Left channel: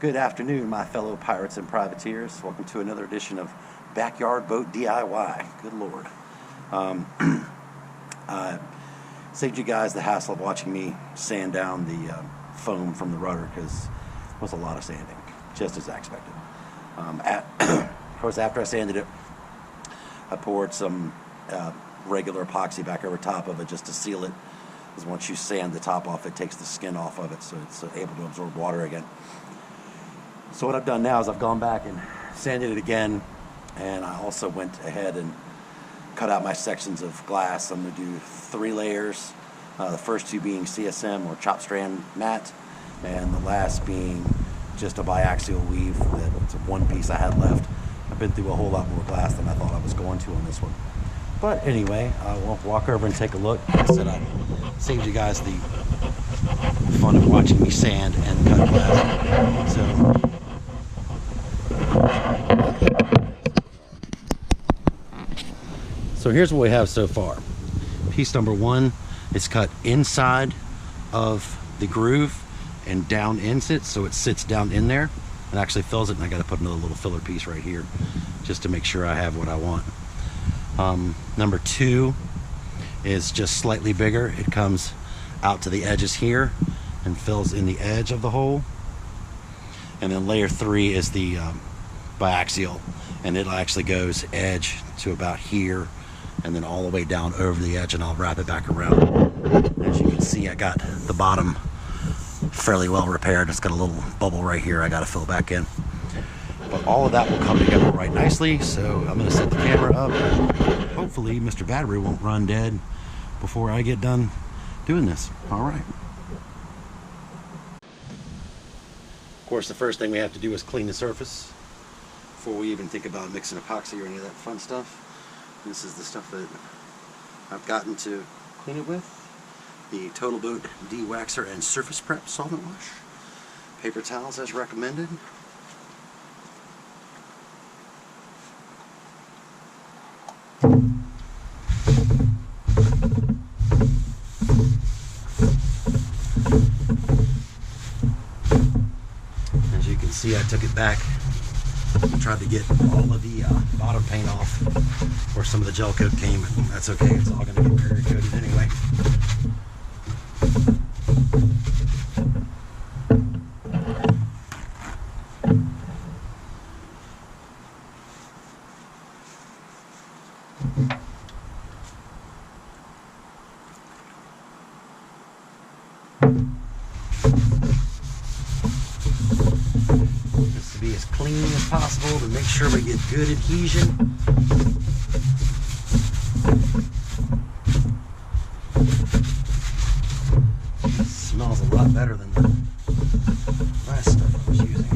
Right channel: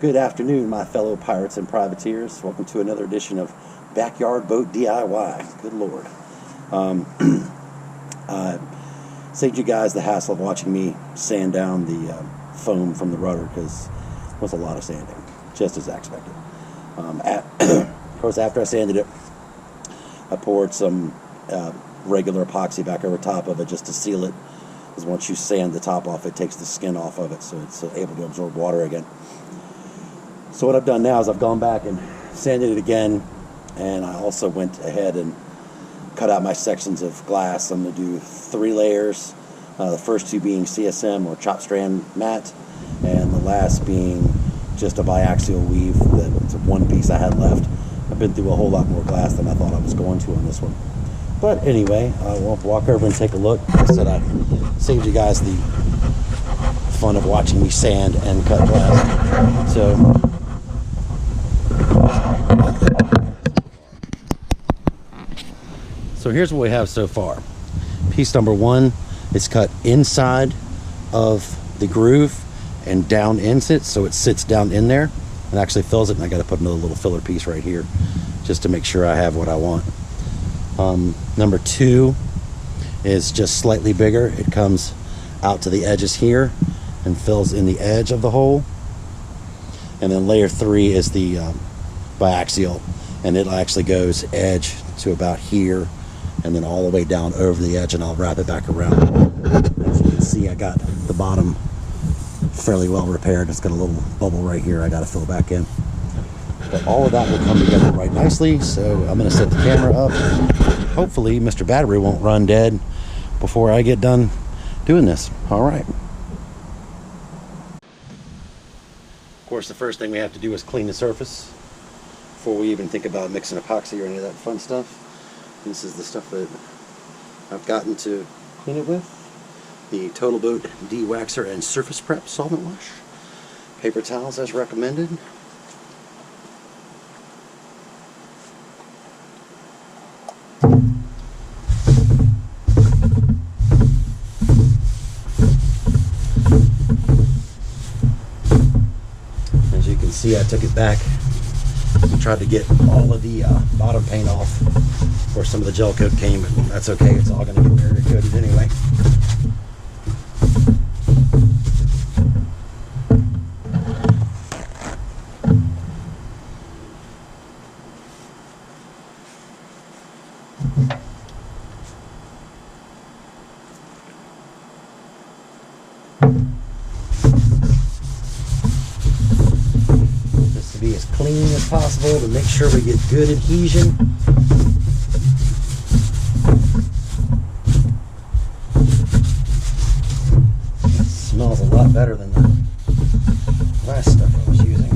Good afternoon, my fellow pirates and privateers. Welcome to another edition of Backyard Boat DIY. Good Lord. I saved you guys the hassle of watching me sand down the foam from the rudder because it was a lot of sanding, just as I expected. Of course, after I sanded it, I poured some regular epoxy back over top of it just to seal it. Because once you sand the top off, it takes the skin off of it, so it's able to absorb water again. So what I've done now is I've gone back and sanded it again, and I also went ahead and cut out my sections of glass. I'm going to do 3 layers, the first 2 being CSM or chop strand matte, and the last being just a biaxial weave. That's one piece I had left. I've been through a whole lot more glass than I thought I was going to on this one. But anyway, we'll walk over and take a look. Like I said, I saved you guys the fun of watching me sand and cut glass. So here's what we have so far. Piece number 1 is cut inside of the groove and down into it, so it sits down in there and actually fills it. And I got to put another little filler piece right here just to make sure I have what I want. Number 2 is just slightly bigger. It comes out to the edges here and fills in the edge of the hole. And then layer 3 is the biaxial, and it actually goes edge to about here and then all the way down over the edge, and I'll wrap it back around. As you can see, I got the bottom fairly well repaired. It's got a little bubble right here I got to fill back in. But all of that will come together right nicely, so I'm going to set the camera up, and hopefully Mr. Battery won't run dead before I get done doing this. All right. Of course, the first thing we have to do is clean the surface before we even think about mixing epoxy or any of that fun stuff. This is the stuff that I've gotten to clean it with. The Total Boat De-Waxer and Surface Prep Solvent Wash. Paper towels as recommended. As you can see, I took it back and tried to get all of the bottom paint off where some of the gel coat came, but that's okay. It's all going to get barrier coated anyway. Just to be as clean as possible to make sure we get good adhesion. Smells a lot better than the last stuff I was using.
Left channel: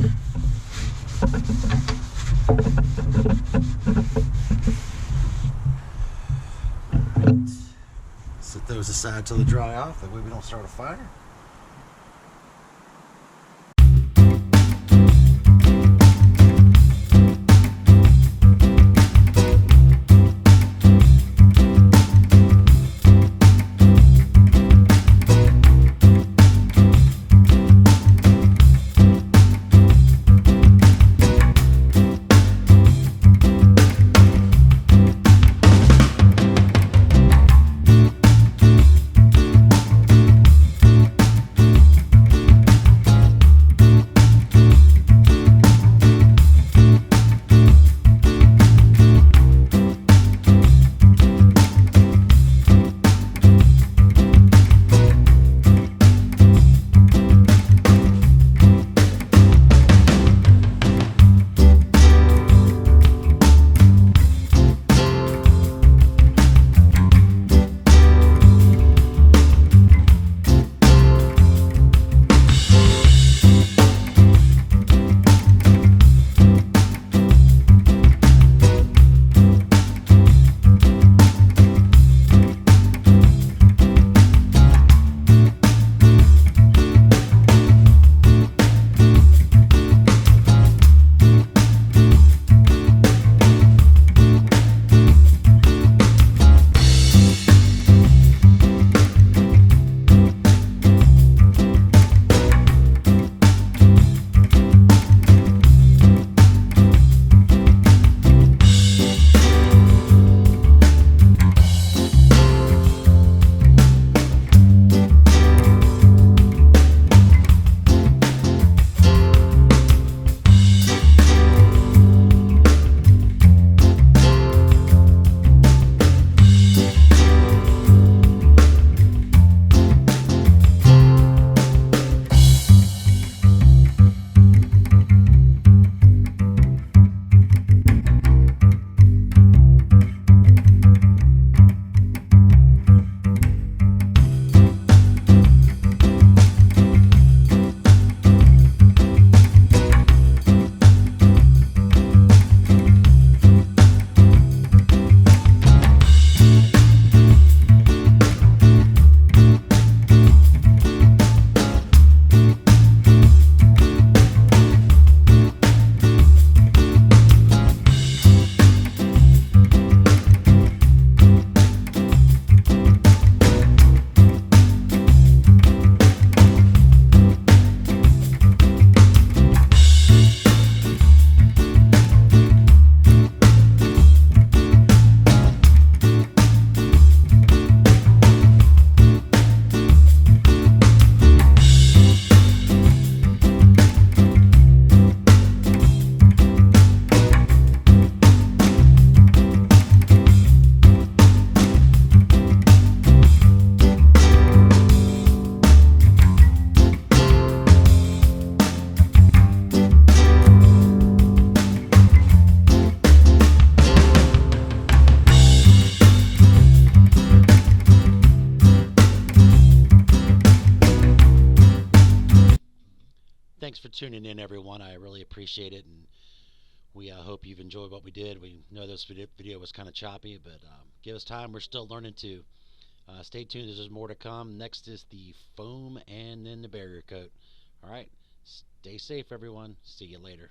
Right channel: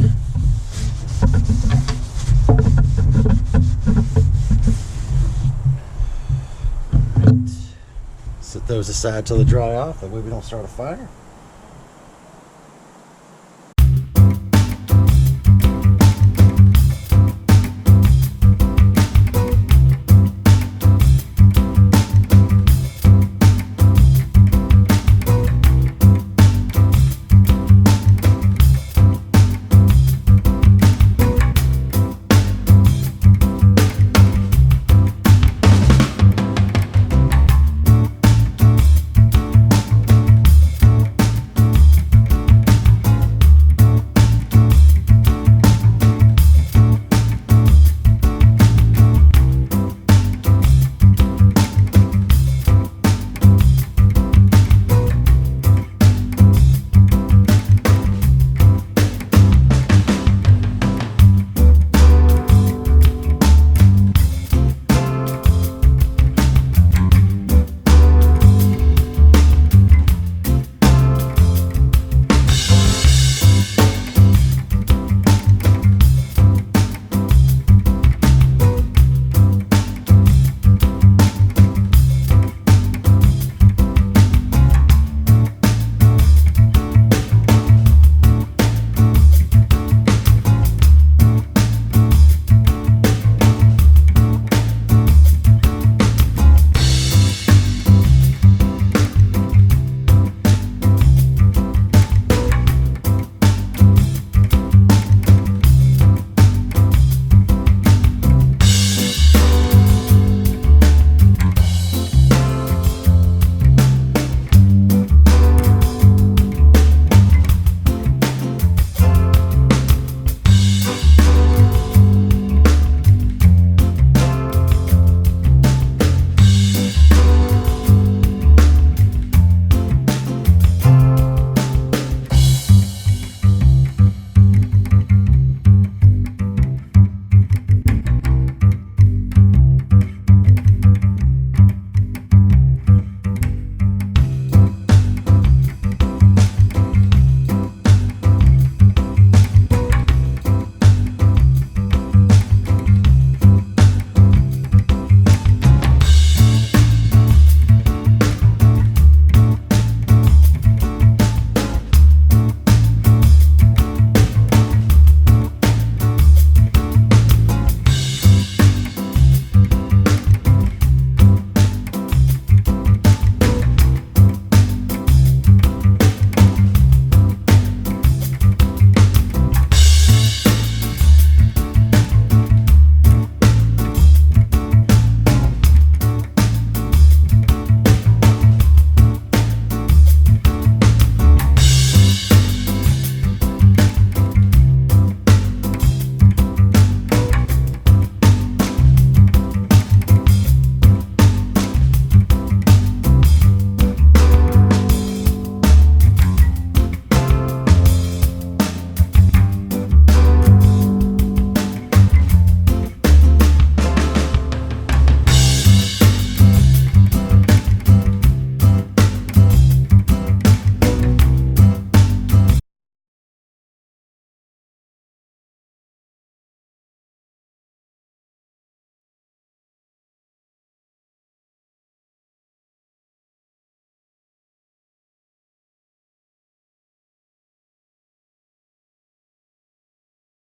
Right. Set those aside till they dry off, that way we don't start a fire. really appreciate it, and we hope you've enjoyed what we did. We know this video was kind of choppy, but give us time. We're still learning too. Stay tuned. There's more to come. Next is the foam and then the barrier coat. All right. Stay safe, everyone. See you later.